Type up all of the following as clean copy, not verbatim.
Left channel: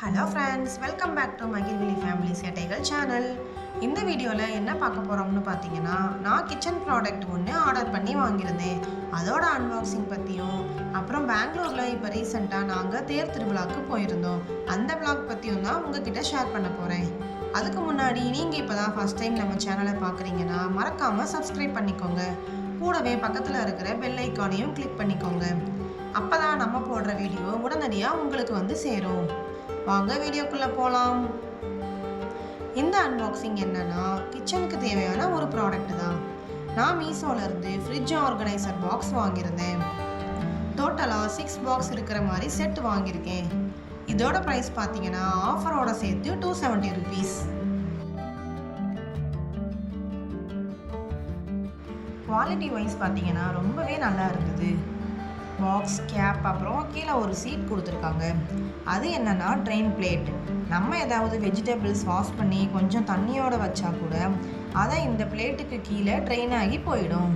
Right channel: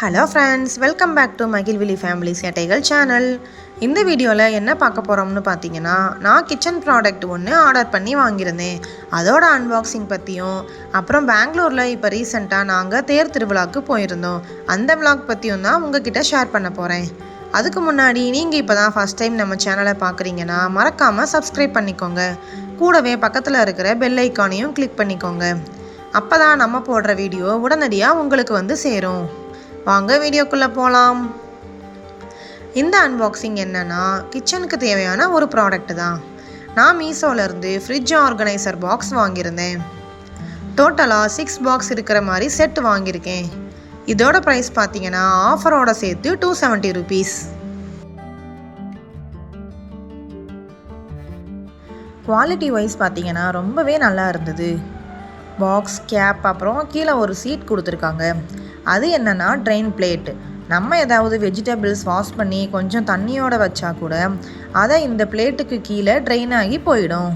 Hello friends, welcome back to மகிழ்விழி family சேட்டைகள் channel. இந்த வீடியோவில் என்ன பார்க்க போகிறோம்னு பார்த்தீங்கன்னா, நான் கிச்சன் ப்ராடக்ட் ஒன்று ஆர்டர் பண்ணி வாங்கியிருந்தேன். அதோட அன்பாக்சிங் பற்றியும், அப்புறம் பெங்களூரில் இப்போ ரீசெண்டாக நாங்கள் தேர் திருவிழாவுக்கு போயிருந்தோம். அந்த விளாக் பற்றியும் தான் உங்ககிட்ட ஷேர் பண்ண போகிறேன். அதுக்கு முன்னாடி நீங்கள் இப்போ தான் ஃபஸ்ட் டைம் நம்ம சேனலை பார்க்குறீங்கன்னா மறக்காமல் சப்ஸ்கிரைப் பண்ணிக்கோங்க. கூடவே பக்கத்தில் இருக்கிற பெல் ஐக்கானையும் கிளிக் பண்ணிக்கோங்க. அப்போ தான் நம்ம போடுற வீடியோ உடனடியாக உங்களுக்கு வந்து சேரும். வாங்க வீடியோக்குள்ளே போகலாம். இந்த அன்பாக்சிங் என்னன்னா, கிச்சனுக்கு தேவையான ஒரு ப்ராடக்ட் தான். நான் மீஷோலேருந்து ஃப்ரிட்ஜ் ஆர்கனைசர் பாக்ஸ் வாங்கியிருந்தேன். டோட்டலாக 6 பாக்ஸ் இருக்கிற மாதிரி செட் வாங்கியிருக்கேன். இதோட ப்ரைஸ் பார்த்தீங்கன்னா ஆஃபரோட சேர்த்து 270 rupees. குவாலிட்டி வைஸ் பார்த்தீங்கன்னா ரொம்பவே நல்லா இருந்தது. பாக்ஸ், கேப், அப்புறம் கீழே ஒரு சீட் கொடுத்துருக்காங்க. அது என்னென்னா ட்ரெயின் பிளேட். நம்ம ஏதாவது வெஜிடபிள்ஸ் வாஷ் பண்ணி கொஞ்சம் தண்ணியோடு வச்சா கூட அதை இந்த பிளேட்டுக்கு கீழே ட்ரெயின் ஆகி போயிடும்.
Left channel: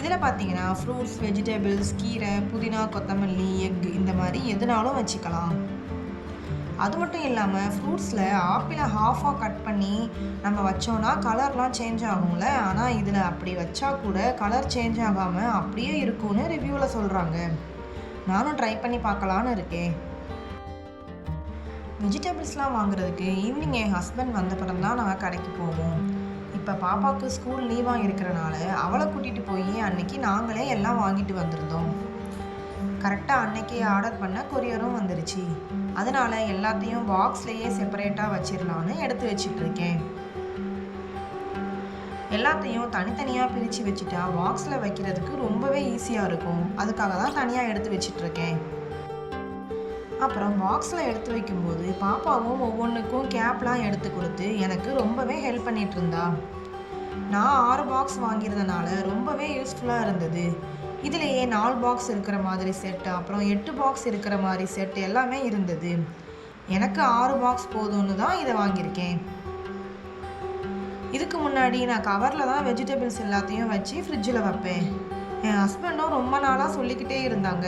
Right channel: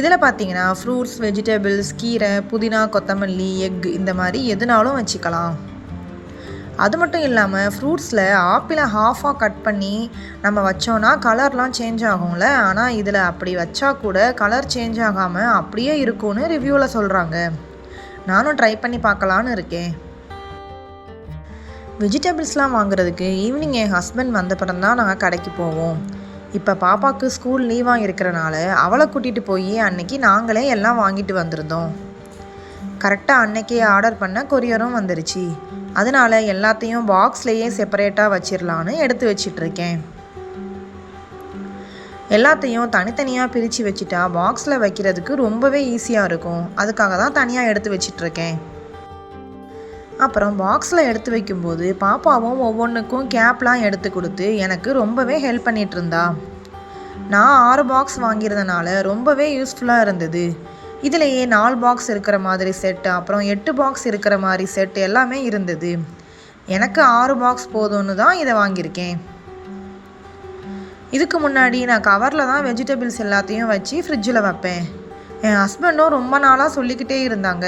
இதில் பார்த்தீங்கன்னா ஃப்ரூட்ஸ், வெஜிடபிள்ஸ், கீரை, புதினா, கொத்தமல்லி, எக் இந்த மாதிரி எதுனாலும் வச்சுக்கலாம். அது மட்டும் இல்லாமல் ஃப்ரூட்ஸில் ஆப்பிளை ஹாஃபாக கட் பண்ணி நம்ம வச்சோன்னா கலர்லாம் சேஞ்ச் ஆகும்ல, ஆனால் இதில் அப்படி வச்சா கூட கலர் சேஞ்ச் ஆகாமல் அப்படியே இருக்கும்னு ரிவ்யூவில் சொல்கிறாங்க. நானும் ட்ரை பண்ணி பார்க்கலான்னு இருக்கேன். வெஜிடபிள்ஸ்லாம் வாங்குறதுக்கு ஈவினிங் என் ஹஸ்பண்ட் வந்தப்பறம் தான் நாங்கள் கடைக்கு போவோம். இப்போ பாப்பாவுக்கு ஸ்கூல் லீவாக இருக்கிறனால அவளை கூட்டிகிட்டு போய் அன்னைக்கு நாங்களே எல்லாம் வாங்கிட்டு வந்திருந்தோம். கரெக்டாக அன்னைக்கே ஆர்டர் பண்ண கொரியரும் வந்துருச்சு. அதனால் எல்லாத்தையும் பாக்ஸ்லேயே செப்பரேட்டாக வச்சிடலான்னு எடுத்து வச்சிட்ருக்கேன். எல்லாத்தையும் தனித்தனியாக பிரித்து வச்சுட்டா பாக்ஸில் வைக்கிறதுக்கு ரொம்பவே ஈஸியாக இருக்கும். அதுக்காக தான் தனியாக எடுத்து வச்சிட்ருக்கேன். அப்புறம் பாக்ஸில் எடுத்து வைக்கும்போது பாப்பாவும் ஒவ்வொன்றுக்கும் கேப்லாம் எடுத்து கொடுத்து எனக்கு ரொம்பவே ஹெல்ப் பண்ணிகிட்டு இருந்தா. நான் 6 பாக்ஸ் வாங்கியிருந்தனால ரொம்பவே யூஸ்ஃபுல்லாக இருந்தது. இதிலேயே 4 பாக்ஸ் இருக்கிற மாதிரி செட்டு, அப்புறம் 8 பாக்ஸ் இருக்கிற மாதிரி செட் எல்லாமே இருந்தது. எனக்கு 6 பாக்ஸ் போதும்னு தான் இதை வாங்கியிருக்கேன். இதுக்கு முன்னாடி நான் கவரில் தான் வெஜிடபிள்ஸ் எல்லாத்தையும் வச்சு ஃப்ரிட்ஜில் வைப்பேன். என் ஹஸ்பண்டும் ரொம்ப நாளாக சொல்லிக்கிட்டே இருந்தாங்க,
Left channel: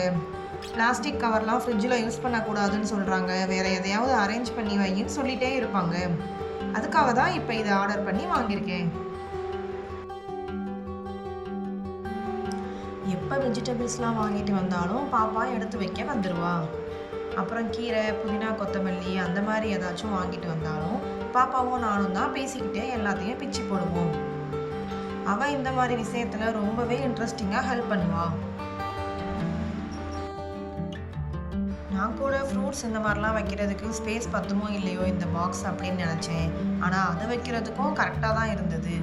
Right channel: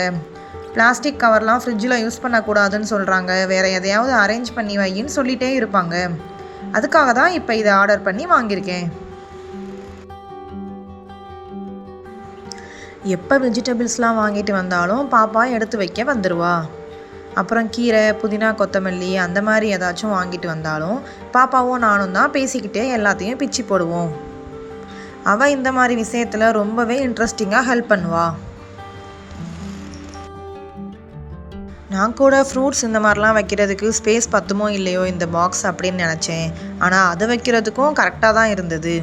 பிளாஸ்டிக் கவர்லாம் ஃப்ரிட்ஜில் யூஸ் பண்ணக்கூடாதுன்னு சொல்கிறாங்க, வேறு எதையாவது அரேஞ்ச் பண்ணி வையின்னு சொல்லிகிட்டே இருப்பாங்க. அதுக்காக தான் இப்போ இதை ஆர்டர் பண்ணி வாங்கியிருக்கேன். எப்போ வெஜிடபிள்ஸ்லாம் வாங்கிட்டு வந்தாலும் பாப்பா எடுத்து வைக்க வந்துடுவா. அப்புறம் கீரை, புதினா, கொத்தமல்லி அந்த மாதிரி ஏதாச்சும் வாங்கிட்டு வந்தாலும் பாப்பாவும் நானும் தான் பேசிக்கிட்டே எல்லாத்தையும் பிச்சு போடுவோம். அவள் இந்த மாதிரி விஷயத்தில் ரொம்பவே இன்ட்ரெஸ்டிங்காக ஹெல்ப் பண்ணுவா. நான் கூட ஃப்ரூட்ஸ் இந்த மாதிரிலாம் வைக்கிறதுக்கு ஸ்பேஸ் பத்துமோ இல்லையோ இந்த பாக்ஸ் அப்படின்னு நினச்சேன். ஆனால் அது வைக்கிறதுக்கும் கரெக்டாக தான் இருந்தது.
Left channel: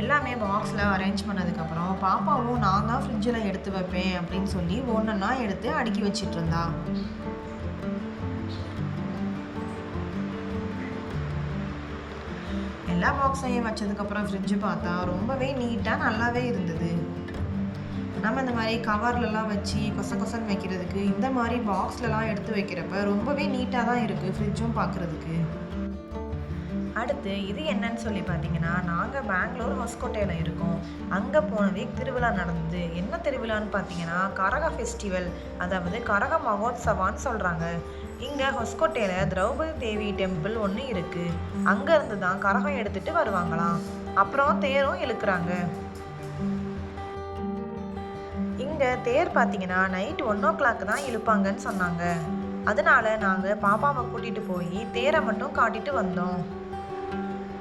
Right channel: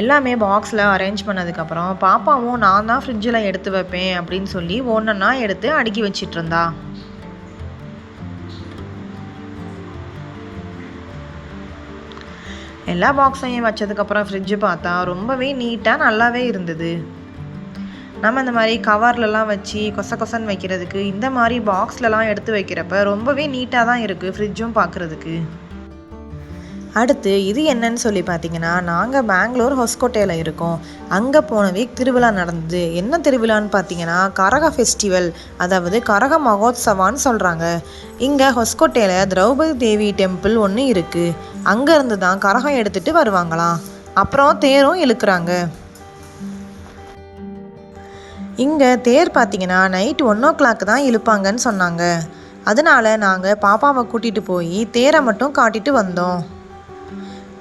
எல்லாமே பாக்ஸில் அரேஞ்ச் பண்ணதுக்கப்புறம் பாப்பாவும் நான் தான் ஃப்ரிட்ஜில் எடுத்து வைப்பேன் அப்படின்னு சொல்லி ஒன்றா எடுத்து அடுக்கி வச்சிட்டு இருந்தா. எல்லா பாக்ஸையும் வச்சதுக்கப்புறம் ஃப்ரிட்ஜு பார்த்தா ரொம்பவே நீட்டாக நல்லாவே இருந்தது. நம்ம இந்த மாதிரி கவர்லலாம் வச்சு கொசன்னு வைக்கிறதுக்கு இந்த மாதிரி பாக்ஸ்லலாம் எடுத்து வைக்கிறப்ப ரொம்பவே நீட்டாக தான் இருக்குது ஃப்ரிட்ஜும் பார்க்குறதுக்கு. அடுத்து இது என்னன்னு சொல்லி பார்த்தீங்கன்னா, நாங்கள் பெங்களூர் ஹொஸ்கோட்டையில் இருக்கோம். அங்கே போன வீக் திருவிழா நடந்தது. என்ன திருவிழான்னு பார்த்தீங்கன்னா கரக ஃபெஸ்டிவல், அதாவது கரக மகோத்சவான்னு சொல்கிறாங்க. இங்கே ஹொஸ்கோட்டையில் திரௌபதி தேவி டெம்பிள் ஒன்று இருக்குது. அங்கேருந்து தான் கரகம் எடுத்துகிட்டு வருவாங்களாம். அப்புறம் தேரும் இழுக்கிறாங்க. இங்கே தேர் பார்த்தீங்கன்னா நைட் 1 o'clock தான் இழுப்பாங்கன்னு சொன்னாங்க. அதனால நாங்கள் பாப்பாவை கூட்டிகிட்டு போய் தேரை மட்டும் காட்டிட்டு வந்தோம்.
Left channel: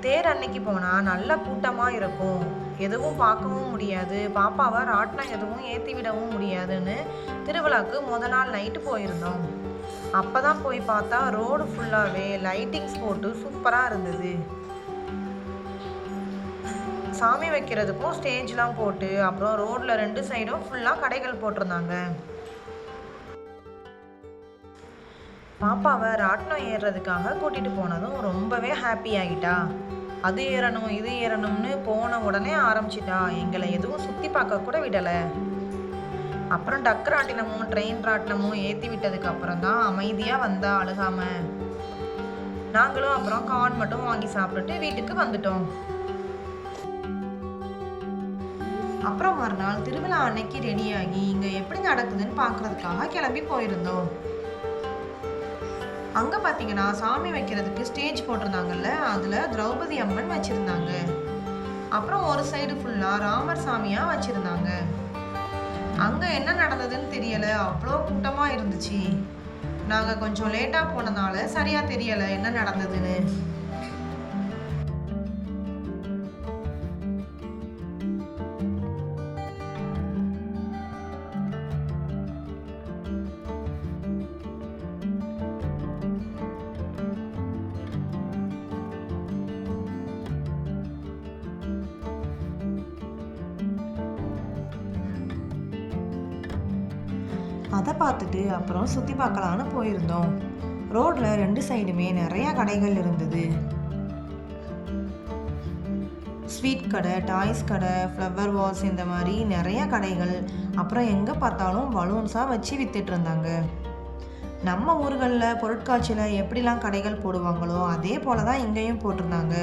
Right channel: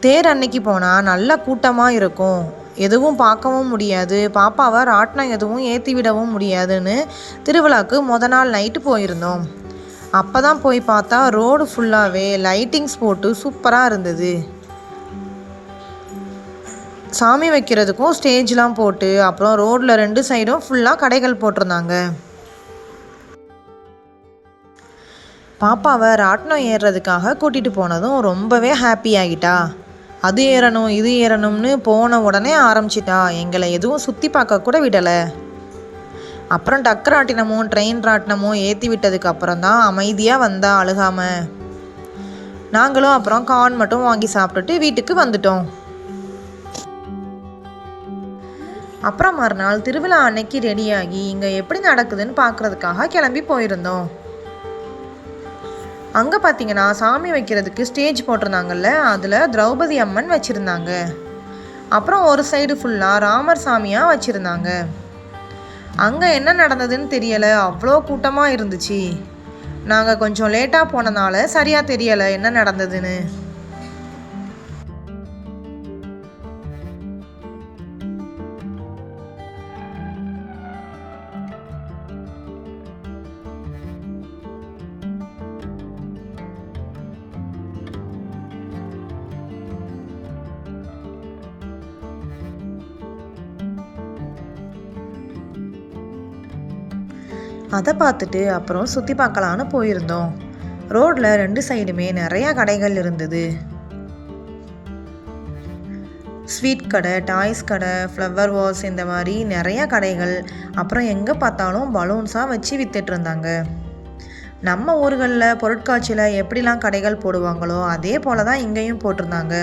தேர் அன்னைக்கு போனால் நல்ல கூட்டமாக இருக்கும், எதுவும் பார்க்கவும் முடியாது, பாப்பாவை ராட்டினம் எதுவும் ஏற்றி விடவும் முடியாதுன்னு திருவிழாவுக்கு நாள் நைட்டு போயிருந்தோம். அப்போ தான் போய் பார்த்தா ரோடு ஃபுல்லாகவே லைட்டிங்ஸ் போட்டு சூப்பராக இருந்தது. சாமி வைக்கிறதுக்கும் ஸ்டேஜ்லாம் போட்டு, அப்புறம் ரோடில் 2 சைடும் ஃபுல்லாக கடைகள் போட்டிருந்தாங்க. பாப்பாவை ராட்டினம் ஏறுறதுக்காக கூட்டிகிட்டு போனதும் ரொம்பவே ஹாப்பி ஆகிட்டா. அது ஏறணும் இது ஏறணும்னு போன உடனே ஆரம்பிச்சிட்டா. எங்களை எதுவும் சுற்றி பார்க்க கூட விடலை. அப்புறம் டக்கு ராட்டினமும் ட்ரெயின் ராட்டினமும் ஏற்றி விட்டதுக்கு அப்புறம் தான் அமைதியாக வந்தா அழுகாமல். நாங்களும் அப்புறம் கார்ன் மட்டும் வாங்கி சாப்பிட்டுட்டு வீட்டுக்கு வந்துட்டோம். அப்புறம் மறுநாள் திருவிழா அன்னைக்கு ரெடியாகி இங்கே எப்படி நடக்குதுன்னு பார்க்குறதுக்காக கிளம்பி போயிருந்தோம். அங்கே பார்த்தீங்கன்னா சாமி வைக்கிறதுக்கு ஸ்டேஜ் போட்டிருந்தாங்கல்ல, அதில் திரௌபதி அம்மன் வச்சுருந்தாங்க. அப்புறம் ஒரு சைடு ஃபுல்லாக ராமர் சாமியாக வச்சுருந்தாங்க. அங்கே என்ன நடந்ததுன்னு தெரியலை, அவ்வளோ கூட்டமாக இருந்துச்சு. நாங்கள் கொஞ்சம் லேட்டாக போனனால சரியாக தெரியலை என்ன நடந்ததுன்னு. அதை பார்த்துட்டு அப்புறம் சுற்றி பார்க்கலான்னு போயிருந்தோம். ரோடில் 2 சைடுமே நிறையா கடைகள் இருந்தது. ஸ்வீட் கடை, டாய்ஸ் கடை, ஃப்ளவர் வாஸ், இந்த மாதிரி நிறையா கடைகள். அப்புறம் எங்கே பார்த்தாலும் பலூன்ஸாக வச்சு வித்துட்டு இருந்தாங்க. நம்ம ஊர்களில் பொருட்காட்சியில் எப்படிலாம் கடைகள் போடுவாங்களோ அதே போல தான் இங்கேயும் போட்டிருந்தாங்க.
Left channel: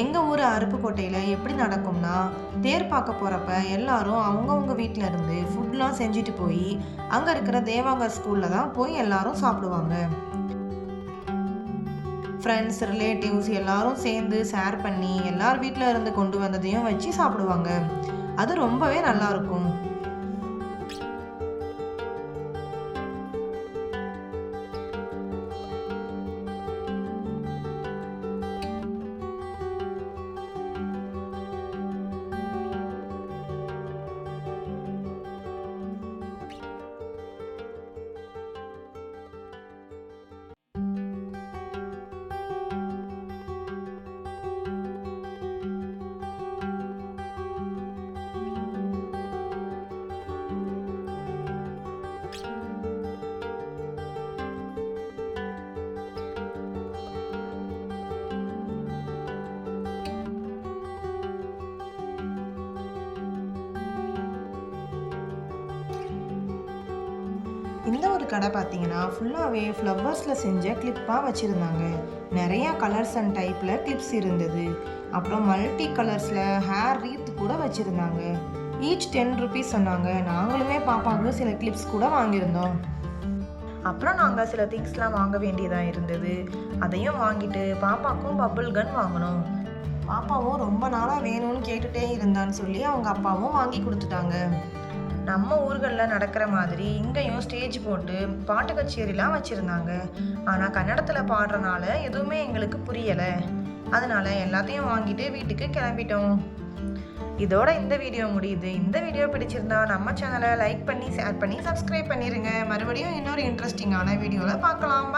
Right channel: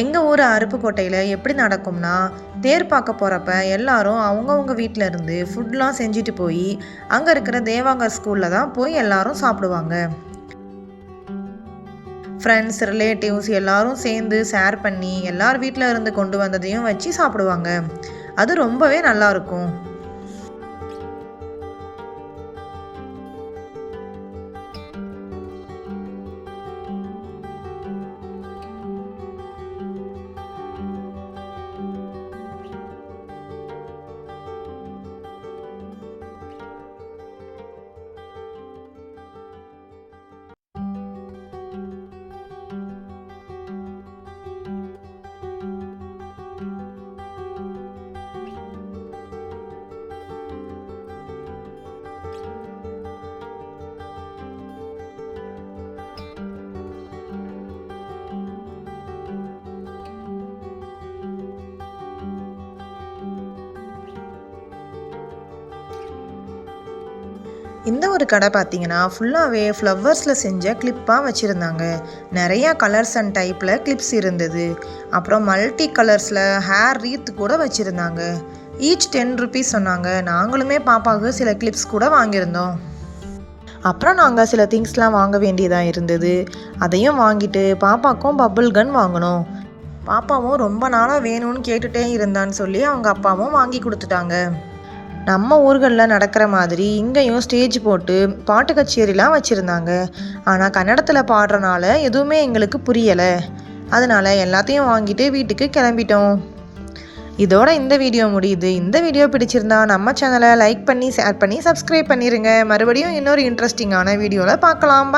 எங்கள் ஊர் அருப்புக்கோட்டையில் எப்படி நடக்கும்னா, தேர் பார்க்க போகிறப்ப எல்லாரும் அவங்கவுங்க வீட்டில் இருந்து ஃபுட்லாம் செஞ்சுட்டு போய் அங்கே இருக்கிற தேவாங்கர் ஸ்கூலில் தான் போய் எல்லாரும் சாப்பிடுவாங்க. ஃப்ரெண்ட்ஸ், ரிலேட்டிவ்ஸ் எல்லாரும் சேர்ந்து ஷேர் பண்ணி எல்லார் வீட்டில் இருந்து கொண்டு வந்ததையும் வச்சு சாப்பிடுவாங்க. அது ரொம்பவே நல்லாயிருக்கும். இந்த ஒரு கடை பார்த்தீங்கன்னா ஃபுல்லாகவே ஃப்ளவர்ஸில் செஞ்ச கிளிப்பாக வச்சுருந்தாங்க. நிறையா கலர்ஸ் அண்ட் டைப்பில் கிளிப்ஸ் இருந்தது. அப்புறம் மல்டி கலர்ஸில் ஹேர் ரீத் கூட வச்சுருந்தாங்க. ஈச் 10 ருபீஸ் சொன்னாங்க. நாங்களுமே பாப்பாவுக்கு சில கிளிப்ஸ் கூட வாங்கியிருந்தோம். அப்புறம் நாங்கள் சில திங்ஸ்லாம் வாங்க வேண்டியதாக இருந்தது. அதையும் வாங்கிட்டு பாப்பாவுக்கும் பபுள் கன் வாங்கினோம். பாப்பாவும் ரொம்ப நாளாக வேணும்னு கேட்டுகிட்டே இருந்தான்னு சொல்லி அவங்க அப்பாவும் வாங்கி கொடுத்துட்டாங்க. நம்ம ஊர்களில் நடக்கிற மாதிரி இங்கேயும் ஸ்டேஜ் போட்டு பாட்டு கச்சேரிலாம் வச்சுருந்தாங்க. ஆனால் கன்னடத்தில் பாடுறனால எதுவுமே எங்களுக்கு புரியலை. அதனால் எல்லாத்தையும் வாங்கிட்டு வீட்டுக்கு கிளம்பிட்டோம். இதோட இந்த வீடியோ முடியுது. இந்த வீடியோ பிடிச்சிருந்தா நம்ம சேனலை லைக் பண்ணி, ஷேர் பண்ணி, சப்ஸ்கிரைப் பண்ணிடுங்க. மறுபடியும் இன்னொரு இன்ட்ரெஸ்டிங்கான வீடியோவில் பார்க்கலாம்.